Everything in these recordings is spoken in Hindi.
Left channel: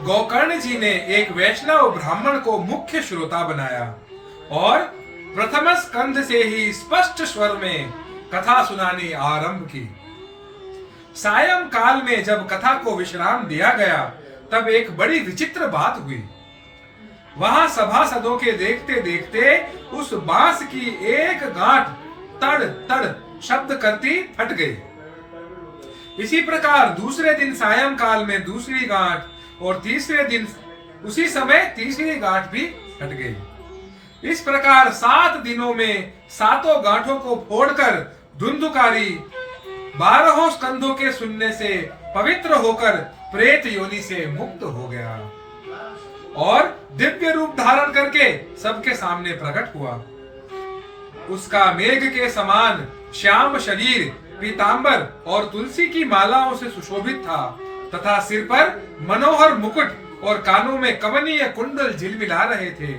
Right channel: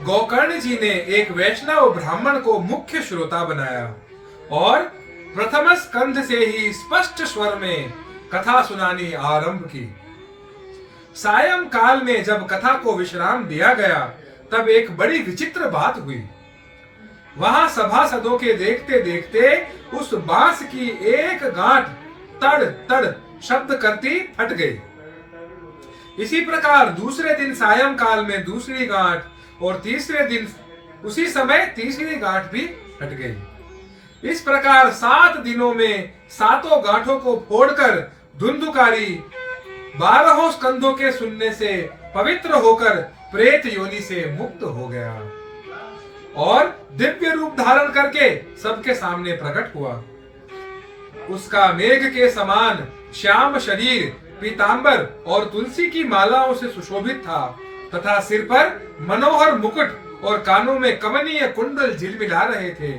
गोकर्ण जी ने एक वैष्णव ब्राह्मण को मुख्य श्रोता बनाया और प्रथम स्कंध से ही स्पष्ट स्वर में कथा सुनानी आरंभ की। सायं काल में जब कथा को विश्राम दिया गया तब एक बड़ी विचित्र बात हुई। वहां सभासदों के देखते देखते उस बांस की एक गांठ तड़ तड़ शब्द करती फट गई। इसी प्रकार दूसरे दिन सायं काल में दूसरी गांठ और तीसरे दिन उसी समय तीसरी गांठ भी फट गई। इस प्रकार 7 दिनों में 7 गांठों को फोड़कर धुंधुकारी 12 स्कंधों के सुनने से पवित्र होकर प्रेत योनि से मुक्त हो गया और दिव्य रूप धारण करके सबके सामने प्रकट हुआ। उसका मेघ के समान श्याम शरीर पीतांबर और तुलसी की मालाओं से सुशोभित था तथा सिर पर मनोहर मुकुट और कानों में कमनीय कुंडल झिलमिला रहे थे।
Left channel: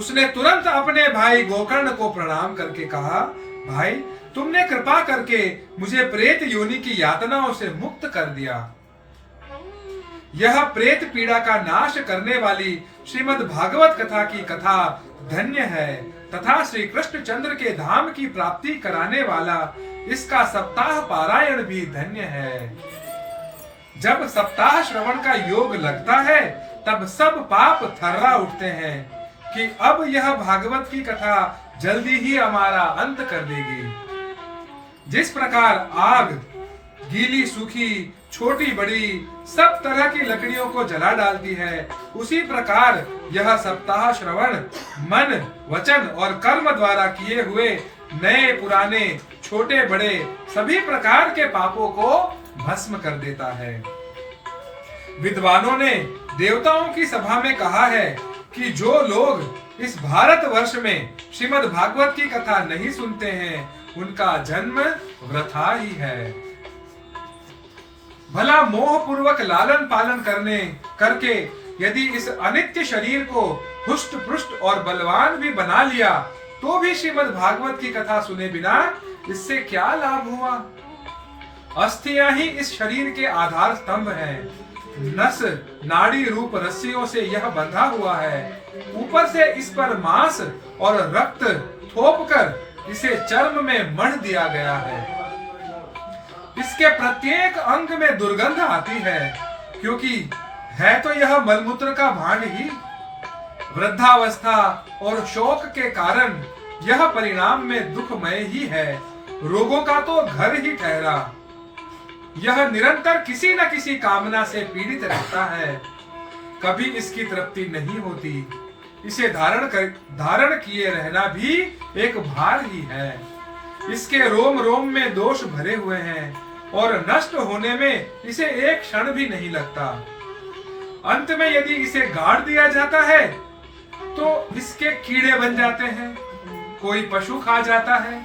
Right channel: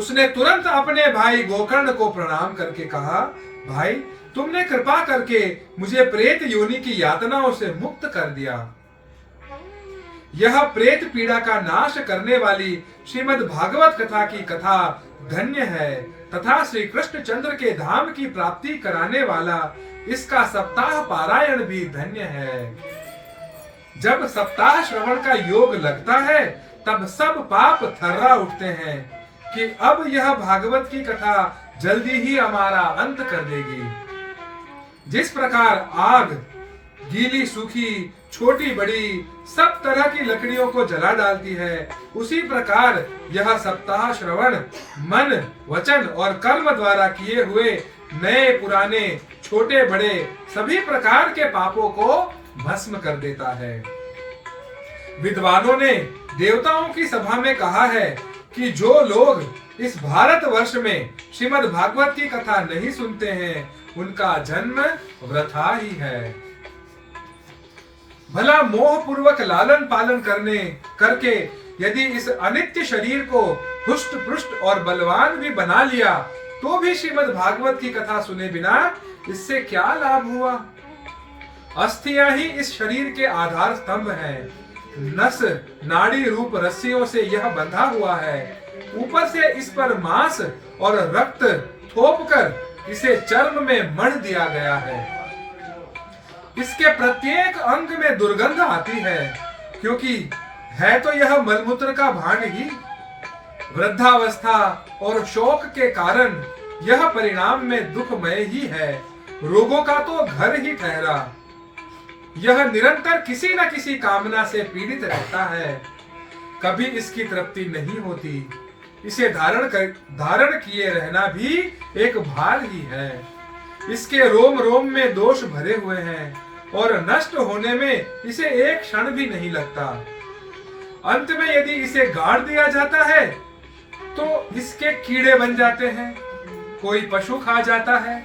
उसने तुरंत अपने भाई गोकर्ण को प्रणाम करके कहा, भाई तुमने कृपा करके मुझे प्रेत योनि की यातनाओं से मुक्त कर दिया। यह प्रेत पीड़ा का नाश करने वाली श्रीमद् भागवत कथा की कथा धन्य है तथा श्री कृष्ण चंद्र के धाम की प्राप्ति कराने वाला इसका सप्ताह पारायण भी धन्य है। जब सप्ताह श्रवण का योग लगता है तब सब पाप थर्रा उठते हैं कि अब यह भागवत की कथा जल्दी ही हमारा अंत कर देगी। जिस प्रकार आग गीली सूखी छोटी बड़ी सब तरह की लकड़ियों को जला डालती है, उसी प्रकार यह सप्ताह श्रवण मन वचन और कर्म द्वारा किए हुए नए पुराने छोटे बड़े सभी प्रकार के पापों को भस्म कर देता है। विद्वानों ने देवताओं की सभा में कहा है कि जो लोग इस भारत वर्ष में श्रीमद् भागवत की कथा नहीं सुनते हैं उनका जन्म वृथा ही है। भला मोह पूर्वक लालन पालन करके यदि इस अनित्य शरीर को हुष्ट पुष्ट और बलवान भी बना लिया तो भी श्रीमद् भागवत की कथा सुने बिना इससे क्या लाभ हुआ। अस्थियां ही इस शरीर के आधार स्तंभ हैं। नस नाड़ी रूप रस्सियों से यह बंधा हुआ है। ऊपर से इस पर मांस और रक्त थोपकर इसे चर्म में मढ़ दिया गया है। इसके प्रत्येक अंग में दुर्गंध आती है क्योंकि है तो यह मलमूत्र का भांड ही। वृद्धावस्था और शोक के कारण यह परिणाम में दुखमय ही है। रोगों का तो घर ही ठहरा। यह निरंतर किसी न किसी कामना से पीड़ित रहता है। कभी इसकी तृप्ति नहीं होती। इसे धारण किए रहना भी एक भार ही है। इसके रोम रोम में दोष भरे हुए हैं और नष्ट होने में इसे एक क्षण भी नहीं लगता। अंत में यदि इसे गाड़ दिया जाता है तो इसके कीड़े बन जाते हैं। कोई पशु खा जाता है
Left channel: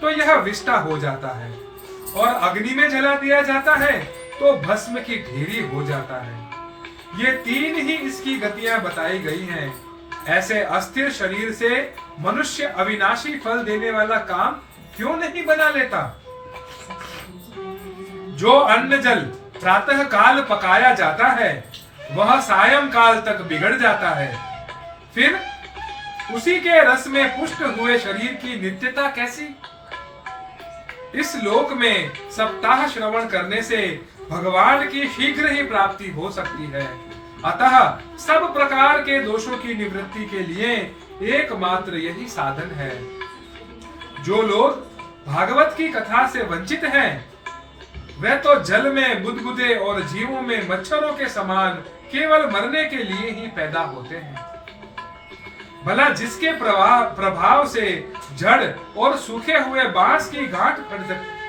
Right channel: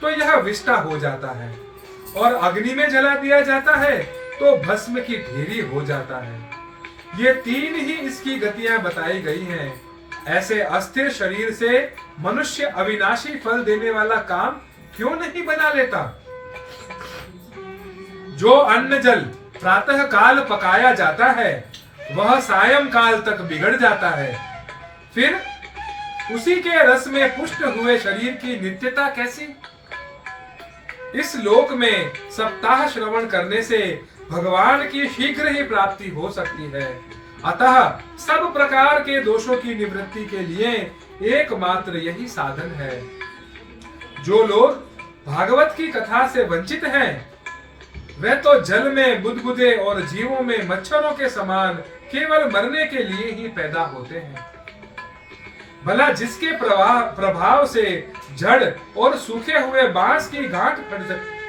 तो यह विष्टा हो जाता है और अग्नि में जला दिया जाता है तो भस्म की ढेरी हो जाता है। ये 3 ही इसकी गतियां बताई गई हैं। ऐसे अस्थिर शरीर से मनुष्य अविनाशी फल देने वाला काम क्यों नहीं बना लेता। जो अन्न जल प्रातः काल पकाया जाता है वह सायं काल तक बिगड़ जाता है। फिर उसी के रस में पुष्ट हुए शरीर की नित्यता कैसी। इस लोक में सप्ताह श्रवण करने से भगवान की शीघ्र ही प्राप्ति हो सकती है। अतः सब प्रकार के दोषों की निवृत्ति के लिए एकमात्र यही साधन है। जो लोग भागवत की कथा से वंचित हैं वे तो जल में बुदबुदे और जीवों में मच्छरों के समान केवल मरने के लिए ही पैदा होते हैं। भला जिसके प्रभाव से जड़ और सूखे हुए बांस की गांठ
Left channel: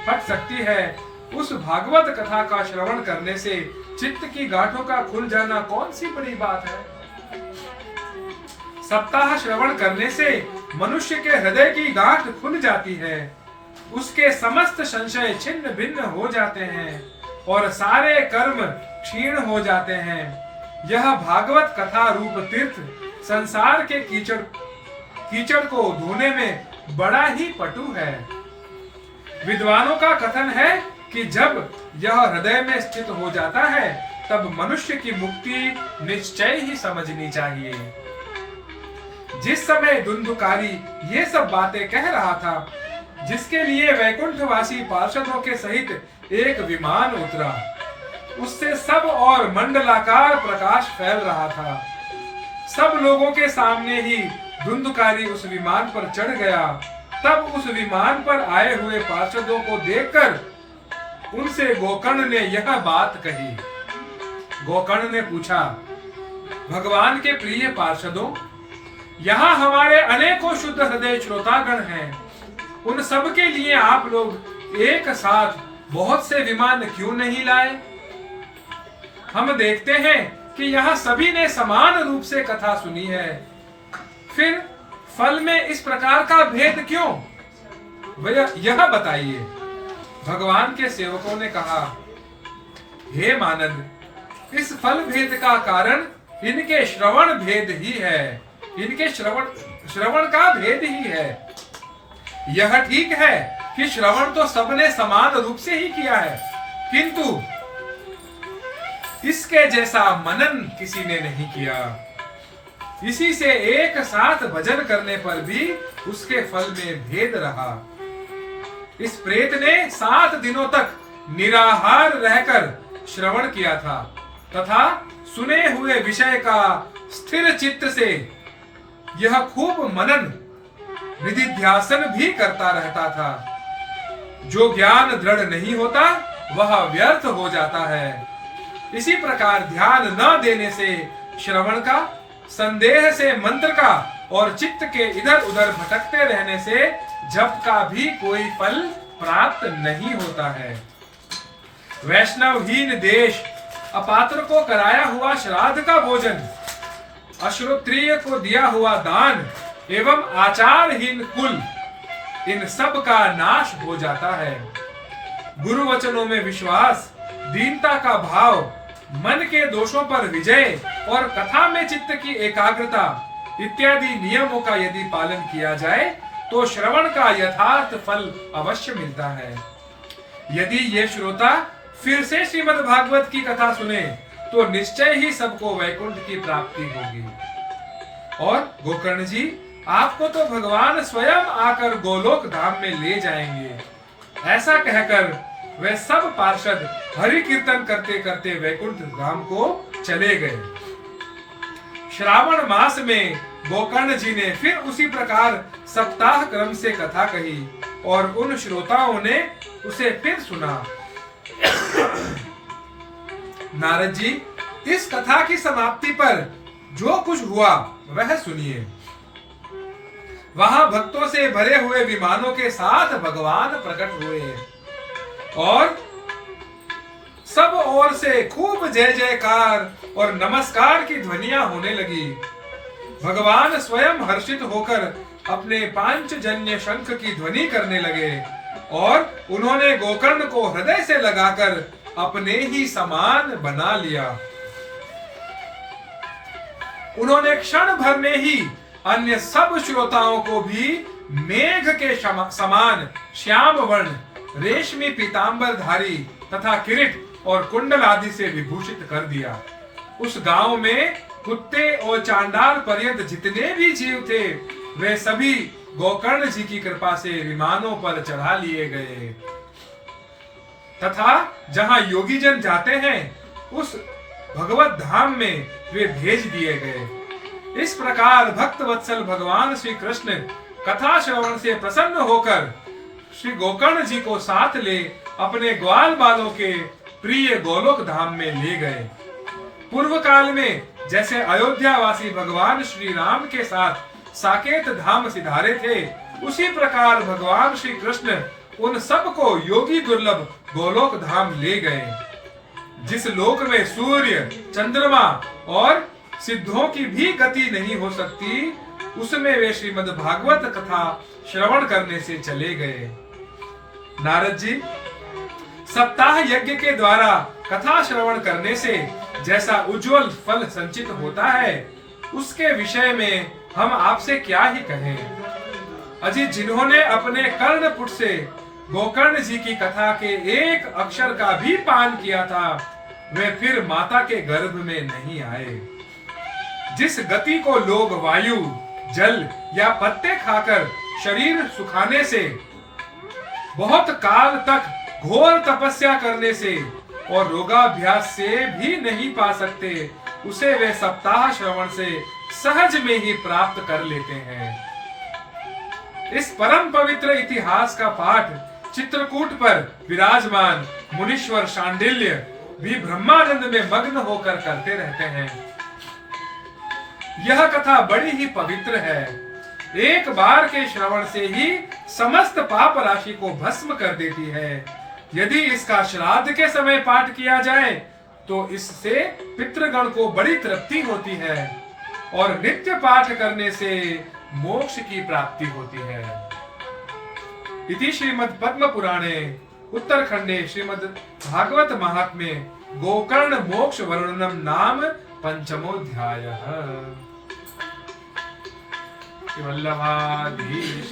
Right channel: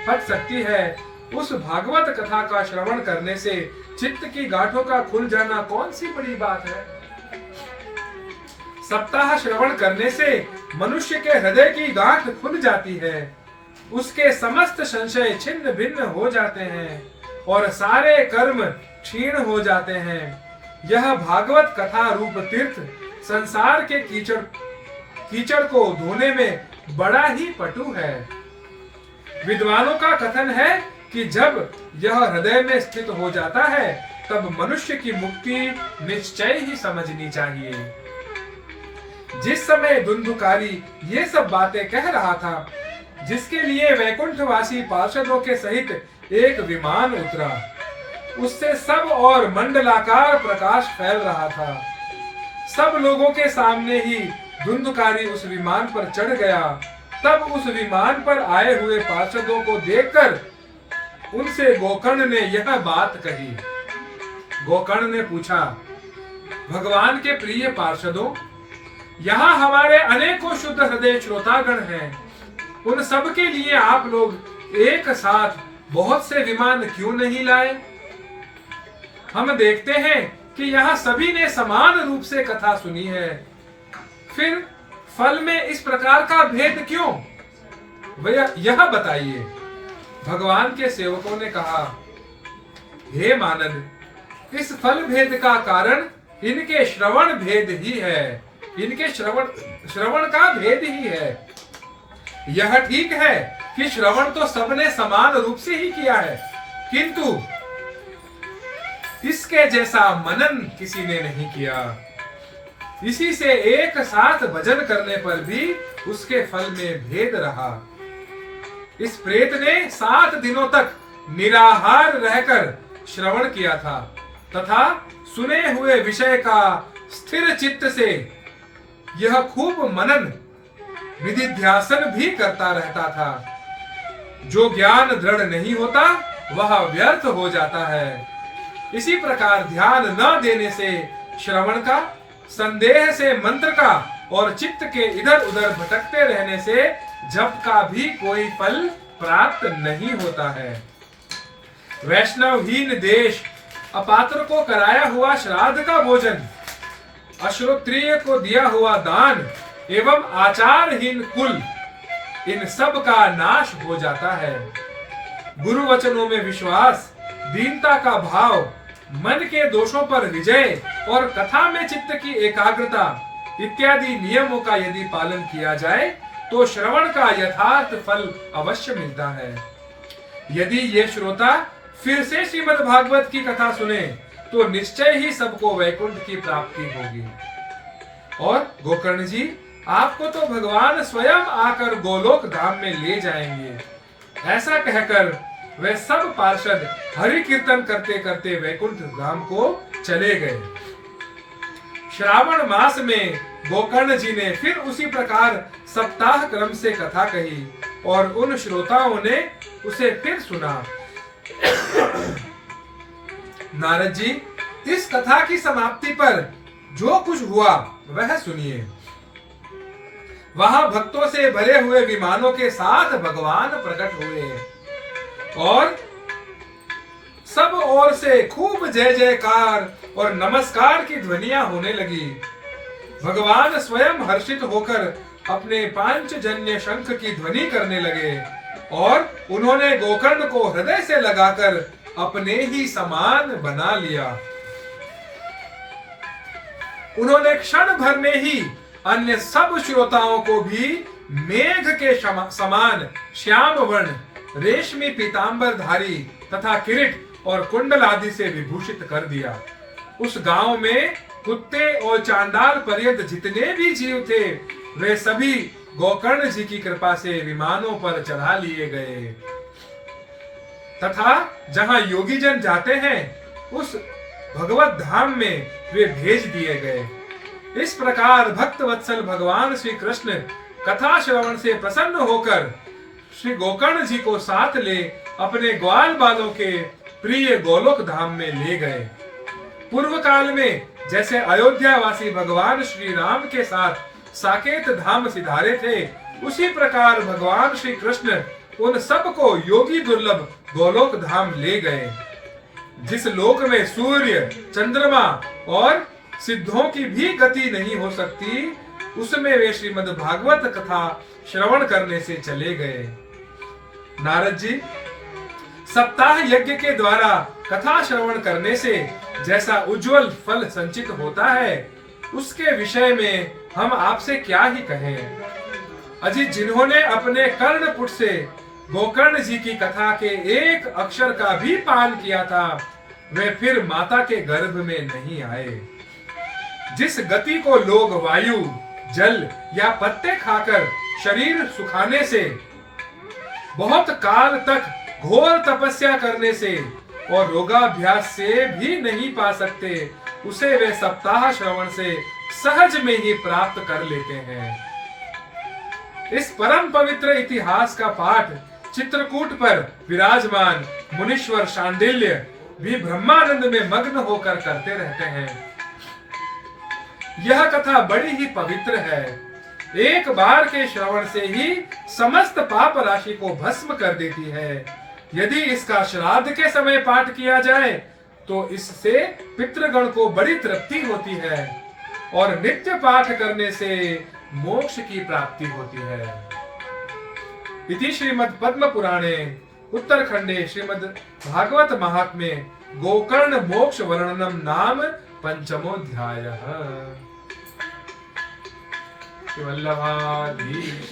फट सकती है, उस भागवत कथा का श्रवण करने से चित्त की गांठों का खुल जाना कौन सी बड़ी बात है। सप्ताह श्रवण करने से मनुष्य के हृदय की गांठ खुल जाती है। उसके समस्त संशय छिन्न भिन्न हो जाते हैं और सारे कर्म क्षीण हो जाते हैं। यह भागवत कथा रूप तीर्थ संसार के कीचड़ को धोने में बड़ा ही पटु है। विद्वानों का कथन है कि जब यह हृदय में स्थित हो जाता है तब मनुष्य की मुक्ति निश्चय ही समझनी चाहिए। जिस समय धुंधुकारी ये सब बातें कह रहा था, जिसके लिए वैकुंठवासी पार्षदों के सहित एक विमान उतरा, उससे सब और मंडलाकार प्रकाश फैल रहा था। सब लोगों के सामने ही धुंधुकारी उस विमान पर चढ़ गया। तब उस विमान पर आए हुए पार्षदों को देखकर उनसे गोकर्ण ने यह बात कही। गोकर्ण ने पूछा, भगवान के प्रिय पार्षदों, यहाँ हमारे अनेकों शुद्ध हृदय श्रोतागण हैं। उन सब के लिए आप लोग एक साथ बहुत से विमान क्यों नहीं लाए? हम देखते हैं कि यहाँ सभी ने समान रूप से कथा सुनी है, फिर फल में इस प्रकार का भेद क्यों? वह यह बताइए। भगवान के सेवकों ने कहा, हे मानद, इस फल भेद का कारण इनके श्रवण भेद ही है। इनके श्रवण का भेद ही है। यह ठीक है कि श्रवण तो सबने समान रूप से ही किया है, किंतु इसके जैसा मनन किसी ने नहीं किया। इसी से एक साथ भजन करने पर भी उसके फल में भेद रहा। इस प्रेत ने 7 दिनों तक निराहार रहकर श्रवण किया था तथा सुने हुए विषय का स्थिर चित्त से यह खूब मनन निधिध्यासन भी करता रहता था। जो ज्ञान दृढ़ नहीं होता वह व्यर्थ हो जाता है। इसी प्रकार ध्यान न देने से श्रवण का, संदेह से मंत्र का और चित्त के इधर उधर भटकते रहने से जप का भी कोई फल प्राप्त नहीं होता है। वैष्णवहीन देश, अपात्र को कराया हुआ श्राद्ध का भोजन, अश्रोत्रिय को दिया हुआ दान एवं आचारहीन कुल, इन सब का नाश हो जाता है। गुरु वचनों में विश्वास, दीनता का भाव, मन के दोषों पर विजय और कथा में चित्त की एकाग्रता इत्यादि नियमों का यदि पालन किया जाए तो श्रवण का यथार्थ फल अवश्य मिलता है। यदि ये श्रोता फिर से श्रीमद् भागवत की कथा सुने तो निश्चय ही सबको वैकुंठ की प्राप्ति होगी। और गोकर्ण जी, आपको तो भगवान स्वयं आकर गोलोक धाम में ले जाएंगे। ऐसा कहकर वे सब पार्षद हरि कीर्तन करते करते वैकुंठ धाम को चले गए। श्रावण मास में गोकर्ण जी ने फिर उसी प्रकार सप्ताह क्रम से कथा कही और उन श्रोताओं ने उसे फिर सुना। नारद जी, इस कथा की समाप्ति पर जो कुछ हुआ वह सुनिए। वहां भक्तों से भरे हुए विमानों के साथ भगवान प्रकट हुए और सब ओर से खूब जय जयकार और नमस्कार की ध्वनियां होने लगी। भगवान स्वयं हर्षित होकर अपने पांचजन्य शंख की ध्वनि करने लगे और उन्होंने गोकर्ण को हृदय से लगाकर अपने ही समान बना लिया। उन्होंने क्षण भर में ही अन्य सब श्रोताओं को भी मेघ के समान श्याम वर्ण, रेशमी पीतांबरधारी तथा किरीट और कुंडल आदि से विभूषित कर दिया। उस गांव में कुत्ते और चांडाल पर्यंत जितने भी जीव थे वे सभी गोकर्ण जी की कृपा से विमानों पर चढ़ा लिए गए तथा जहां योगी जन जाते हैं उस भगवत धाम में वे भेज दिए गए। इस प्रकार भक्त वत्सल भगवान श्री कृष्ण कथा श्रवण से प्रसन्न होकर श्री गोकर्ण जी को साथ ले अपने ग्वाल बालों के प्रिय गोलोक धाम में ले गए। पूर्व काल में जैसे अयोध्या वासी भगवान श्री राम के साथ साकेत धाम सिधारे थे, उसी प्रकार भगवान श्री कृष्ण उन सबको योगी दुर्लभ गोलोक धाम ले गए। जिस लोक में सूर्य, चंद्रमा और सिद्धों की भी गति नहीं हो सकती, उसमें वे श्रीमद् भागवत कथा श्रवण करने से चले गए। नारद जी, सप्ताह यज्ञ के द्वारा कथा श्रवण करने से जैसा उज्जवल फल संचित होता है, उसके विषय में हम आपसे क्या ही कहें। अजी, जिन्होंने अपने कर्णपुट से गोकर्ण जी की कथा के एक अक्षर का भी पान किया था, वे फिर माता के गर्भ में नहीं आए। जिस गति को लोग वायु, जल या पत्ते खाकर शरीर सुखाने से, बहुत काल तक घोर तपस्या करने से और योगाभ्यास से भी नहीं पा सकते, उसे वे सप्ताह श्रवण से सहज में ही प्राप्त कर लेते हैं। इस परम पवित्र इतिहास का पाठ चित्रकूट पर विराजमान मुनीश्वर शांडिल्य भी ब्रह्मानंद में मग्न होकर करते रहते हैं। यह कथा बड़ी ही पवित्र है। एक बार के श्रवण से ही समस्त पाप राशि को भस्म कर देती है। यदि इसका श्राद्ध के समय पाठ किया जाए तो इससे पितृगण को बड़ी तृप्ति होती है और नित्य पाठ करने से मोक्ष की प्राप्ति होती है। इति श्रीमद् पद्म पुराणे उत्तरखंडे श्रीमद् भागवत महात्म्ये गोकर्ण मोक्ष वर्णनम नाम पंचमोऽध्यायः। श्री वल्लभाधीश